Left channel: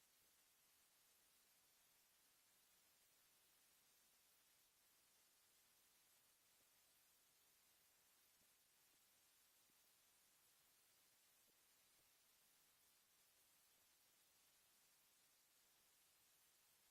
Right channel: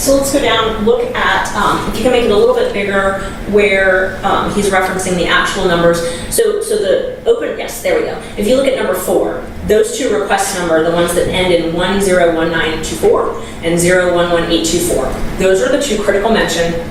So let's go down, look at, if you can make it a little bit bigger where he's referencing the actual numbers. So the open, yes, there we go. If you look at number 4, those two request number, the ones that end in 101924 and 011824, those are the two critical mention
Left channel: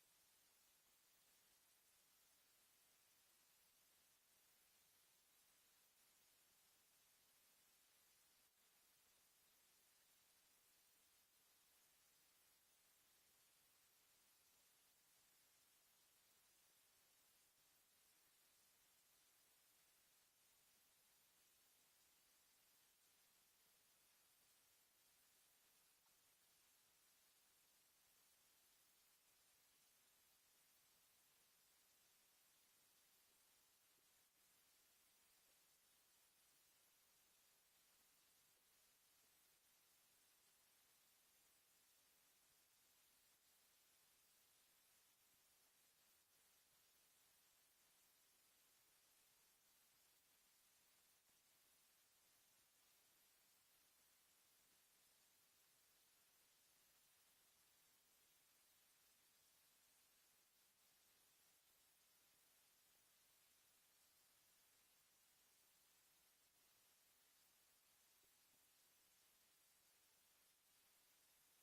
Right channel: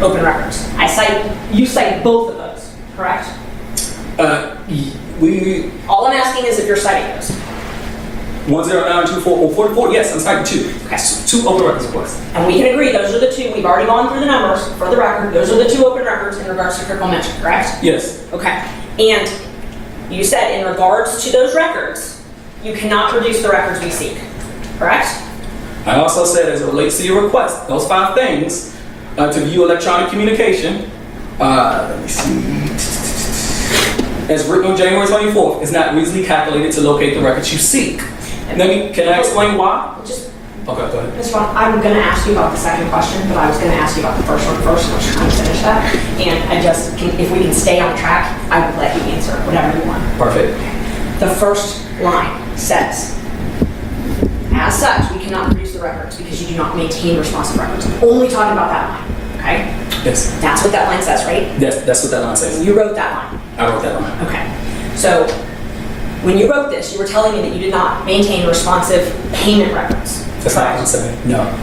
open records. You cite both of those, correct? All I'm asking is if you're citing those. 109244, yes, I'm citing 2. Okay. 2 open records requests. And we can agree those are the two, we've already gone through the numbers for the record, those are the 2 open records in regards to critical mention, correct? Yes. Okay. And you said in regards to those records, you cannot produce the records we seek, correct? I also said as it relates to your request, those 5 things to view electronic communication, let me see, as written on January 24th, is not reasonably calculated to locate the records you seek. Can I explain why? Just, okay, go ahead. Ms. Ron, I'm going to ask you about the second question, but I was going to ask you about the first one first, and I was trying to finish that. And if we can stay on track, I would let you answer whatever you want. Perfect. The first line says, as such, we cannot produce the records because you do not maintain responsive records. Only talking about that line, okay? Yes. That's what that line says, right? Yes, that's what that line says. You wrote that line. I wrote that line. Okay. So when you wrote this, you were telling me that you did not maintain responsive payment records. That's not what I'm saying. No.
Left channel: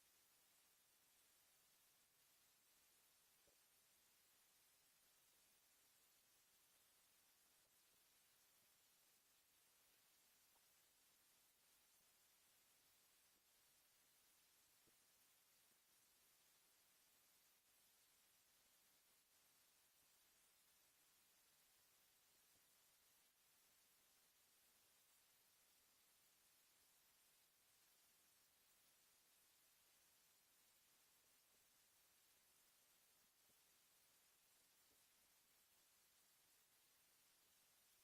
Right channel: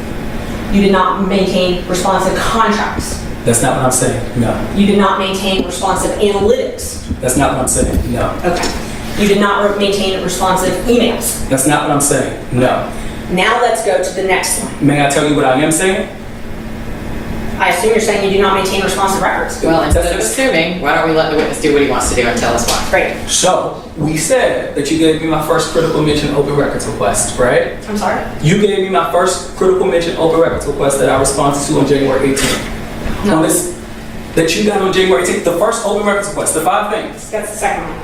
You did not maintain responsive contracts. That's not what I'm saying. No. You did not maintain responsive analytics. That's not what I'm saying. No. Okay. You did not maintain responsive emails. That's not what I'm saying. No. Now let's go to the next line. May I tell you what I am saying? I assume you're saying you do not maintain responsive records. Well, instead of assuming, why don't we let the witness do what he wants to do and tell us why? Great. So, we said that you gave me my first critical mention open records request, right? I'm sorry? You gave me my first critical mention open records request that I responded to on January 18th. No. On this, that you got on January 18th, the first open records request, the 5 things. That's the second one.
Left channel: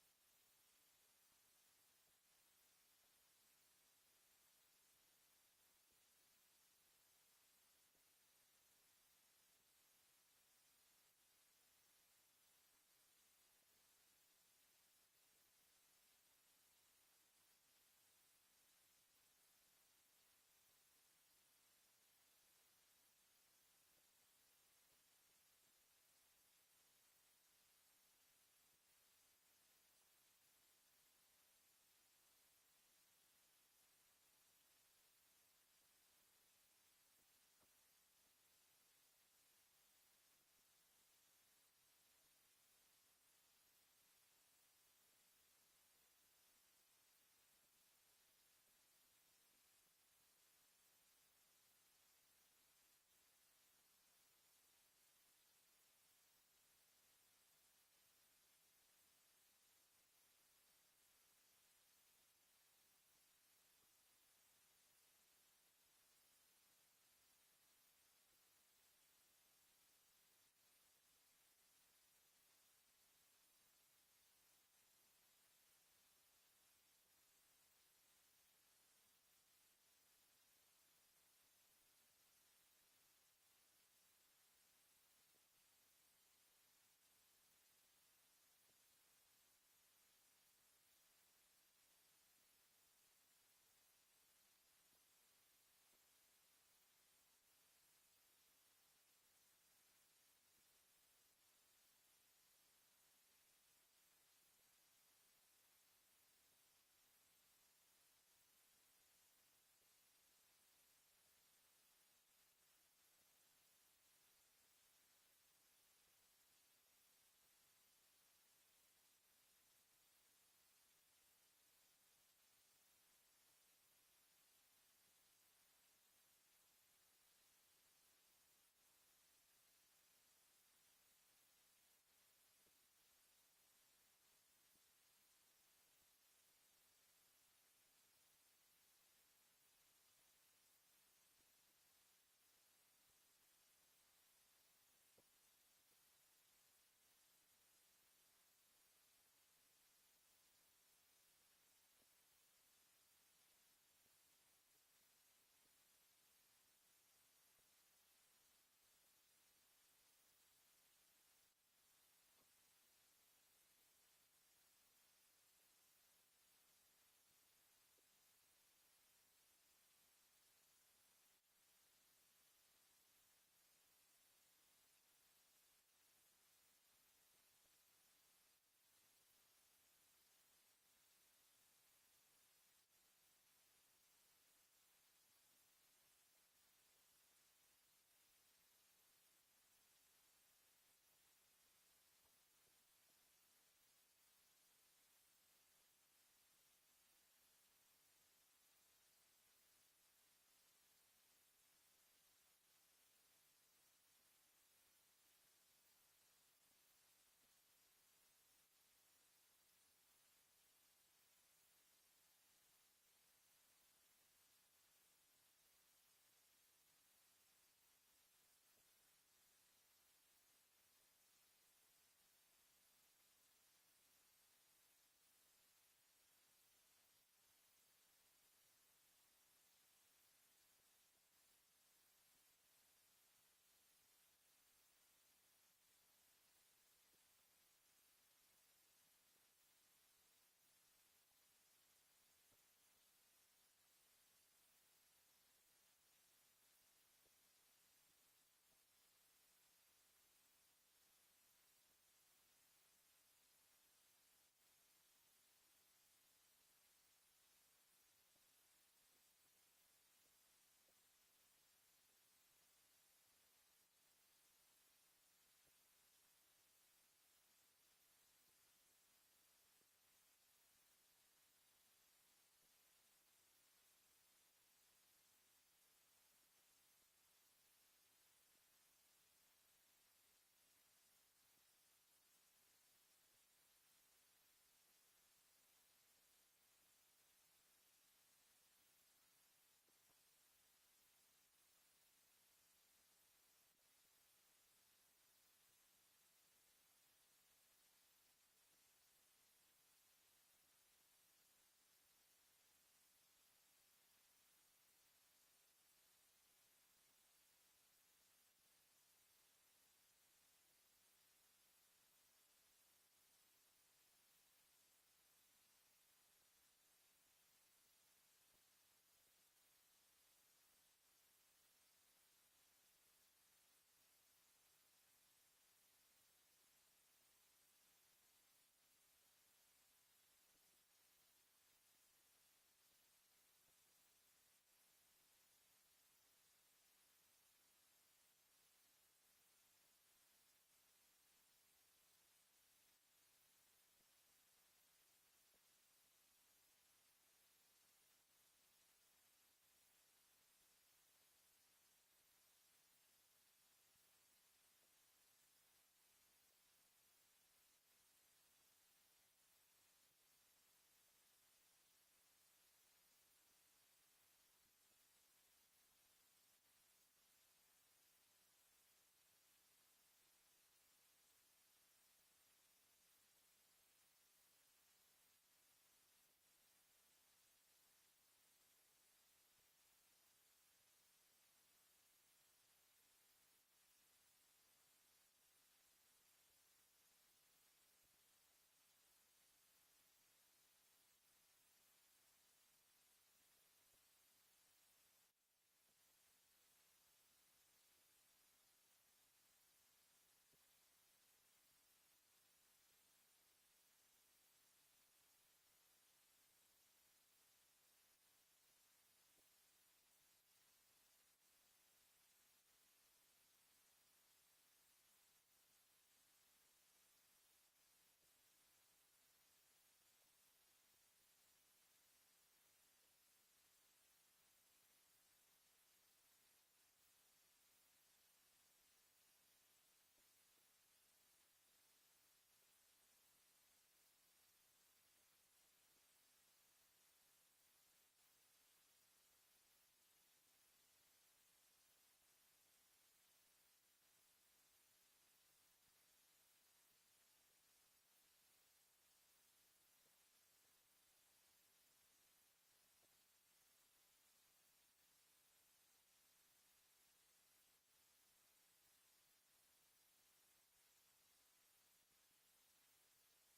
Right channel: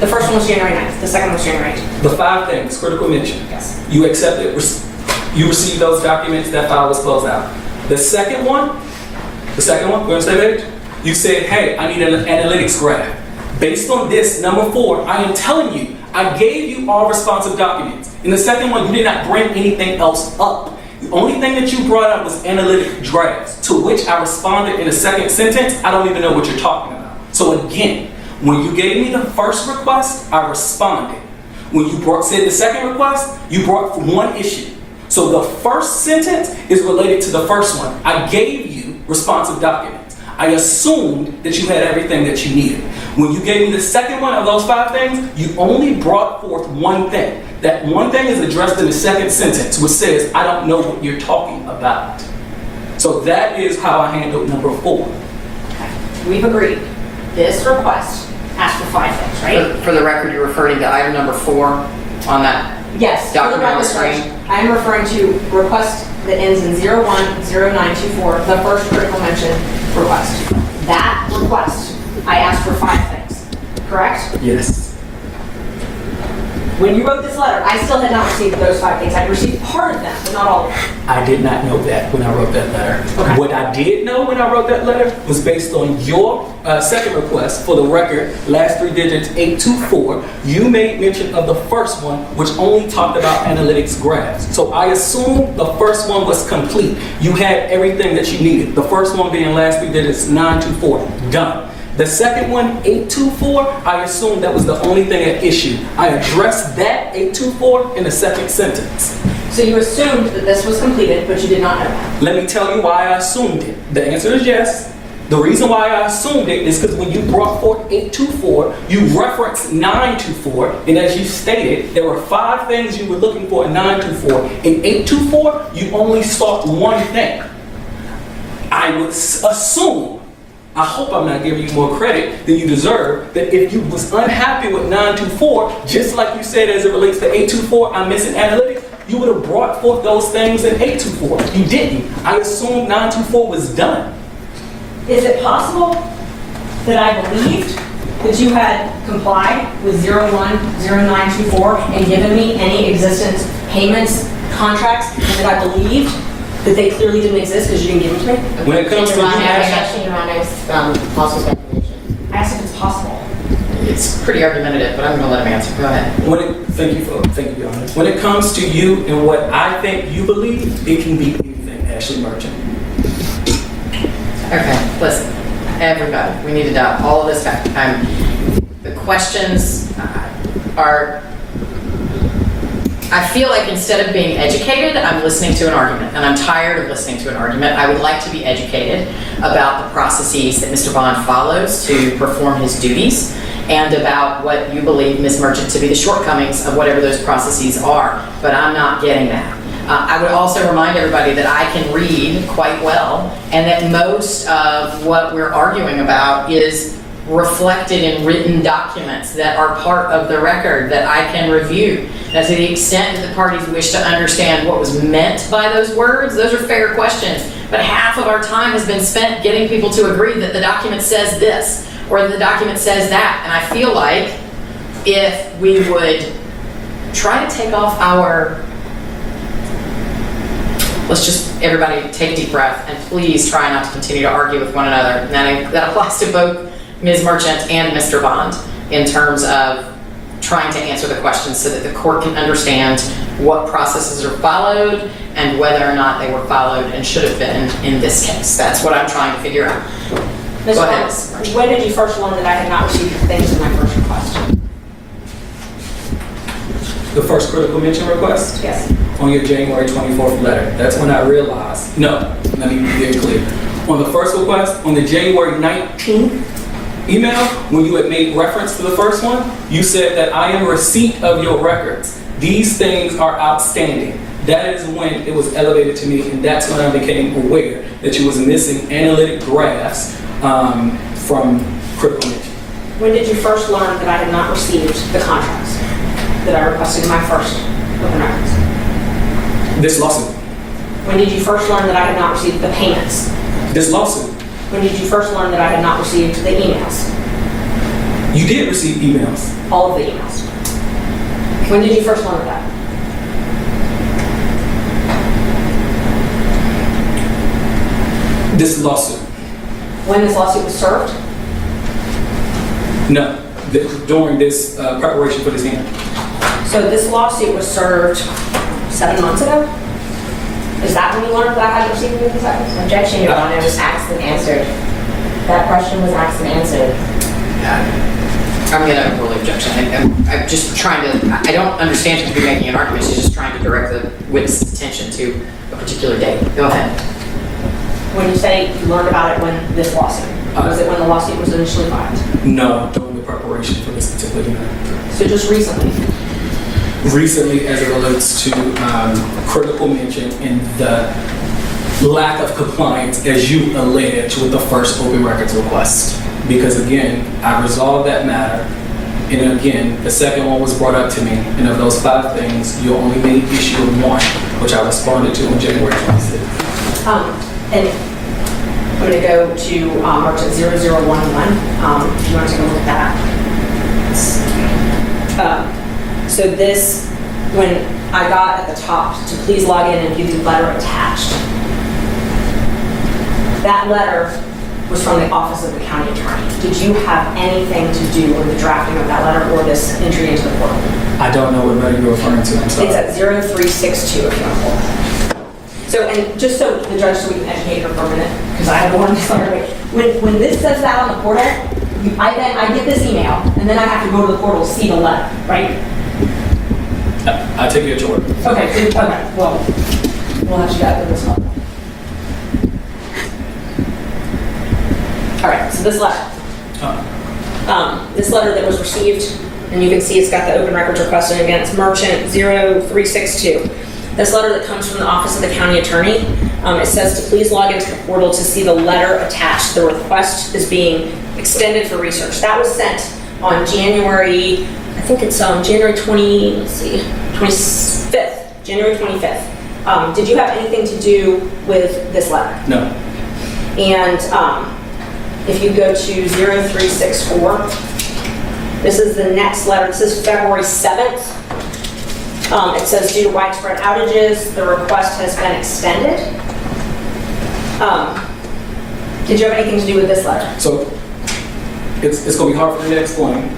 The first one was January 9th. The second one was January 8th. The 5 things, critical mention. Yes. You accepted, you received those documents, that file was closed out. The second one, we're on the same page? You said, hey, I need an analytics graph. Based on this, number 4, I am telling you, I gave you all responsive documents. In the second one, you did not bring anything else up. The only thing that you brought up was analytic drafts, to which I responded in the second sentence, I don't even know what you're talking about. So again, when you gave me the first request, I responded. When you said the second request, you brought 1 issue. So the first sentence is related to the first one. I gave you responsive documents. I assumed that you had everything that you needed. When you gave me the second one of those 5 things, you only brought forth 1 thing. That 1 thing is addressed in the second sentence, which says, I don't know what you're talking about. So that is how I handled number 4. Okay. We've agreed. This request asks for 5 things, right? For the record, you're referring to item number 4 on that Yes. document on the For the record, screen? I am referring to request that ends in 010924, the first critical mention request. That request, I asked for 5 things, correct? Yes. When you wrote this letter, I still had not received those 5 things. I received part of them, but not all of them. I did not know that when I wrote that letter. Okay. What I did know when I wrote that letter was based on your second request for the record, last 3 digits, 824. You made mention of the first one, which only talked about analytics graphs. So I assumed the first one was complete. You had everything that you needed. The first one being last 3 digits, 924, done. The second one, 824, I assumed that was the only thing at issue. I addressed that 824 in the second sentence. So you assumed that this was completed, but you did not know that. Let me tell you why I assumed it. The answer is yes. The reason why I assumed it is because when you brought forth 824, you referenced 924, and as you stated, there were 5 things you were looking for in 924. In 824, you only sought 1 thing. I would assume, I hope I'm not giving you more credit than you deserve, that if you was unhappy with 924, just like you said as it relates to 824, I'm missing analytics, you would have brought forth those things in 824. You didn't. I assumed 924 was done. Is it possible that I believed that you had complied with 010924 and given me any existence payments, contracts, and that I believed that they clearly didn't exist because you didn't give them to me? When it comes to Your Honor, possible speculation. I asked if it's possible. it's pretty argumentative, but I'm gonna let him answer. Go ahead. Thank you, Your Honor. When it comes to you and what I think you believe, it can be anything, Ashley Merchant. Okay, listen, everybody, we need to dial all of this back. The questions are, I feel like instead of being educated, I'm listening to an argument, and I'm tired of listening to an argument. I would like to be educated about the processes that Mr. Bond follows to perform his duties, and about what you believe, Ms. Merchant, to be the shortcomings of whatever those processes are, but I'm not getting that. I would also remind everybody that I can read quite well, and that most of what we're arguing about is reflected in written documents that are part of the record that I can review. Now, to the extent that the parties wish to understand what was meant by those words, those are fair questions. But half of our time has been spent getting people to agree that the document says this, or the document says that. And I feel like if we would try to take off our, let's just, everybody take a deep breath, and please try not to continue to argue with one another. And that applies to both Ms. Merchant and Mr. Bond in terms of trying to answer the questions so that the court can understand what processes are followed and whether or not they were followed and should have been in this case. That's what I'm trying to figure out. Mr. Go ahead. Bond, when did you first learn that I had not received the things in my first request? The first critical mention request? Yes. On your January 24th letter. That's when I realized, no, let me be very clear. On the first request, on the January 19th email, when you had made reference to the first one, you said that I am in receipt of your records. These things are outstanding. That is when it was elevated to me, and that's when I became aware that you was missing analytic graphs from critical mention. When did you first learn that I had not received the contracts that I requested in my first open records? This lawsuit. When did you first learn that I had not received the payments? This lawsuit. When did you first learn that I had not received the emails? You did receive emails. All of the emails. When did you first learn of that? This lawsuit. When this lawsuit was served? No. During this preparation for this hearing. So this lawsuit was served 7 months ago? Is that when you learned that I hadn't received these items? Objection, Your Honor, was asked and answered. That question was asked and answered. I'm going to overrule the objection. I'm just trying to, I don't understand him to be making an argument. She's just trying to direct the witness's attention to a particular date. Go ahead. When you say you learned about it when this lawsuit? Was it when the lawsuit was initially filed? No, during the preparation for this particular hearing. So just recently? Recently, as it relates to critical mention and the lack of compliance, as you allege, with the first open records request. Because again, I resolved that matter, and again, the second one was brought up to me, and of those 5 things, you only made issue of 1, which I responded to on January 26th. And I'm going to go to Merchant 0011. If you want to take a look at that. So this, when I got at the top to please log in and view the letter attached, that letter was from the Office of the County Attorney. Did you have anything to do with the drafting of that letter or this entry into the portal? I don't know what letter you're referring to, I'm sorry. It's at 0362 if you want to pull that. So, and just so the judge, so we can educate her for a minute, because I have the one this letter. When this says that on the portal, I get this email, and then I have to go to the portal to see the letter, right? I take you at your word. Okay, well, we'll have you guys do this one. All right, so this letter. This letter that was received, and you can see it's got the open records request, and again, it's Merchant 0362. This letter that comes from the Office of the County Attorney, it says to please log into the portal to see the letter attached. The request is being extended for research. That was sent on January, I think it's January 25th, January 25th. Did you have anything to do with this letter? No. And if you go to 0364, this is the next letter. This is February 7th. It says due to widespread outages, the request has been extended. Did you have anything to do with this letter? So it's going to be hard for me to explain,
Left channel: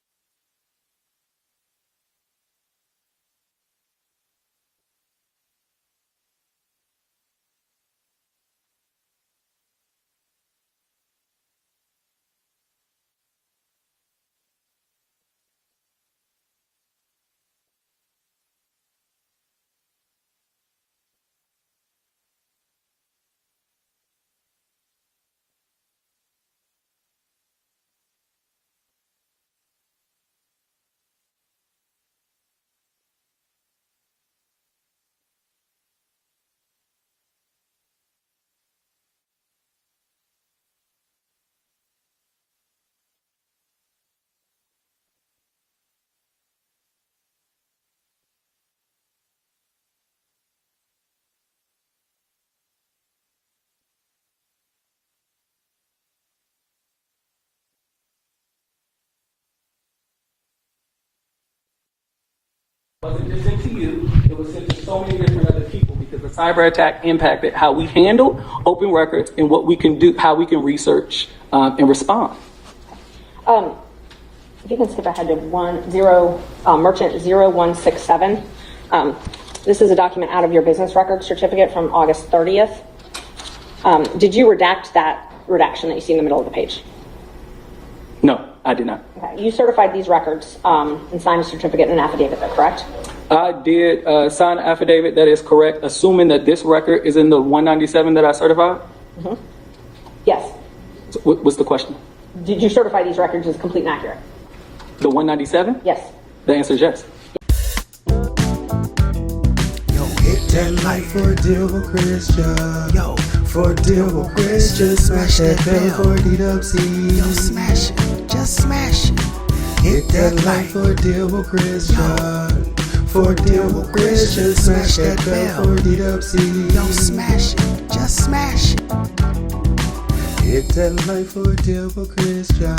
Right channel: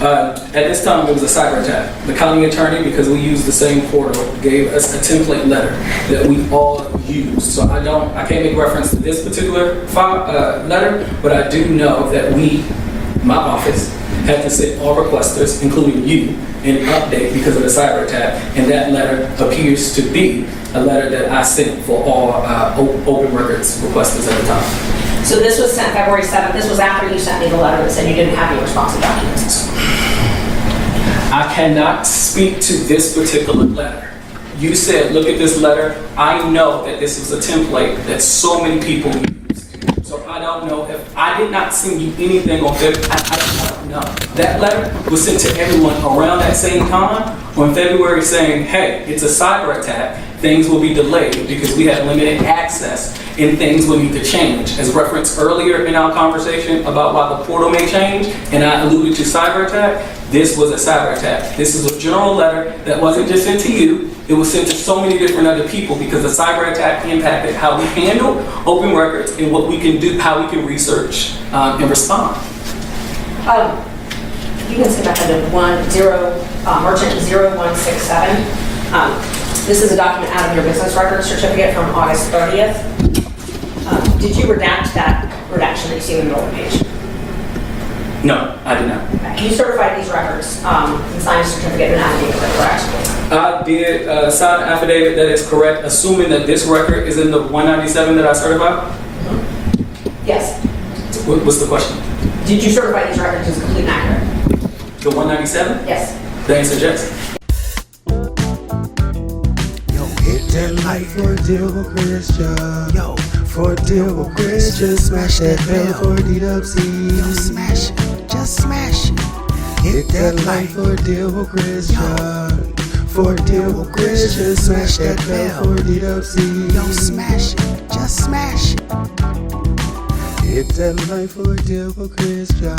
At this time, it was a cyber attack. The county attorney, because we use the same portal, gave us a template letter that we all use. So I can't make reference to this particular letter, but I do know that my office, had to send all requesters, including you, an update because of the cyber attack, and that letter appears to be a letter that I sent for all open records requesters at the time. So this was sent February 7th. This was after you sent me the letter that said you didn't have any responsive documents. I cannot speak to this particular letter. You said, look at this letter. I know that this is a template that so many people use. So I don't know if I did not send you anything on February. I don't know. That letter was sent to everyone around that same time on February saying, hey, it's a cyber attack. Things will be delayed because we have limited access and things will need to change. As referenced earlier in our conversation about why the portal may change, and I alluded to cyber attack, this was a cyber attack. This is a general letter that wasn't just sent to you, it was sent to so many different other people because the cyber attack impacted how we handle open records and what we can do, how we can research and respond. You can skip ahead to merchant 0167. This is a document out of your business record certificate from August 30th. Did you redact that redaction that you see in the middle of the page? No, I did not. Okay. You certified these records and signed a certificate and an affidavit, correct? I did sign an affidavit that is correct, assuming that this record is in the 197 that I certified. Yes. What's the question? Did you certify these records as complete and accurate? The 197? Yes. The answer is yes. Yo, hit that like for a deal with Christian. Yo, for a deal with Christian. Smash that bell for DWC. Yo, smash it. Just smash it. Hit that like for a deal with Christian. For a deal with Christian. Smash that bell for DWC. Yo, smash it. Just smash it. Hit that like for a deal with Christian.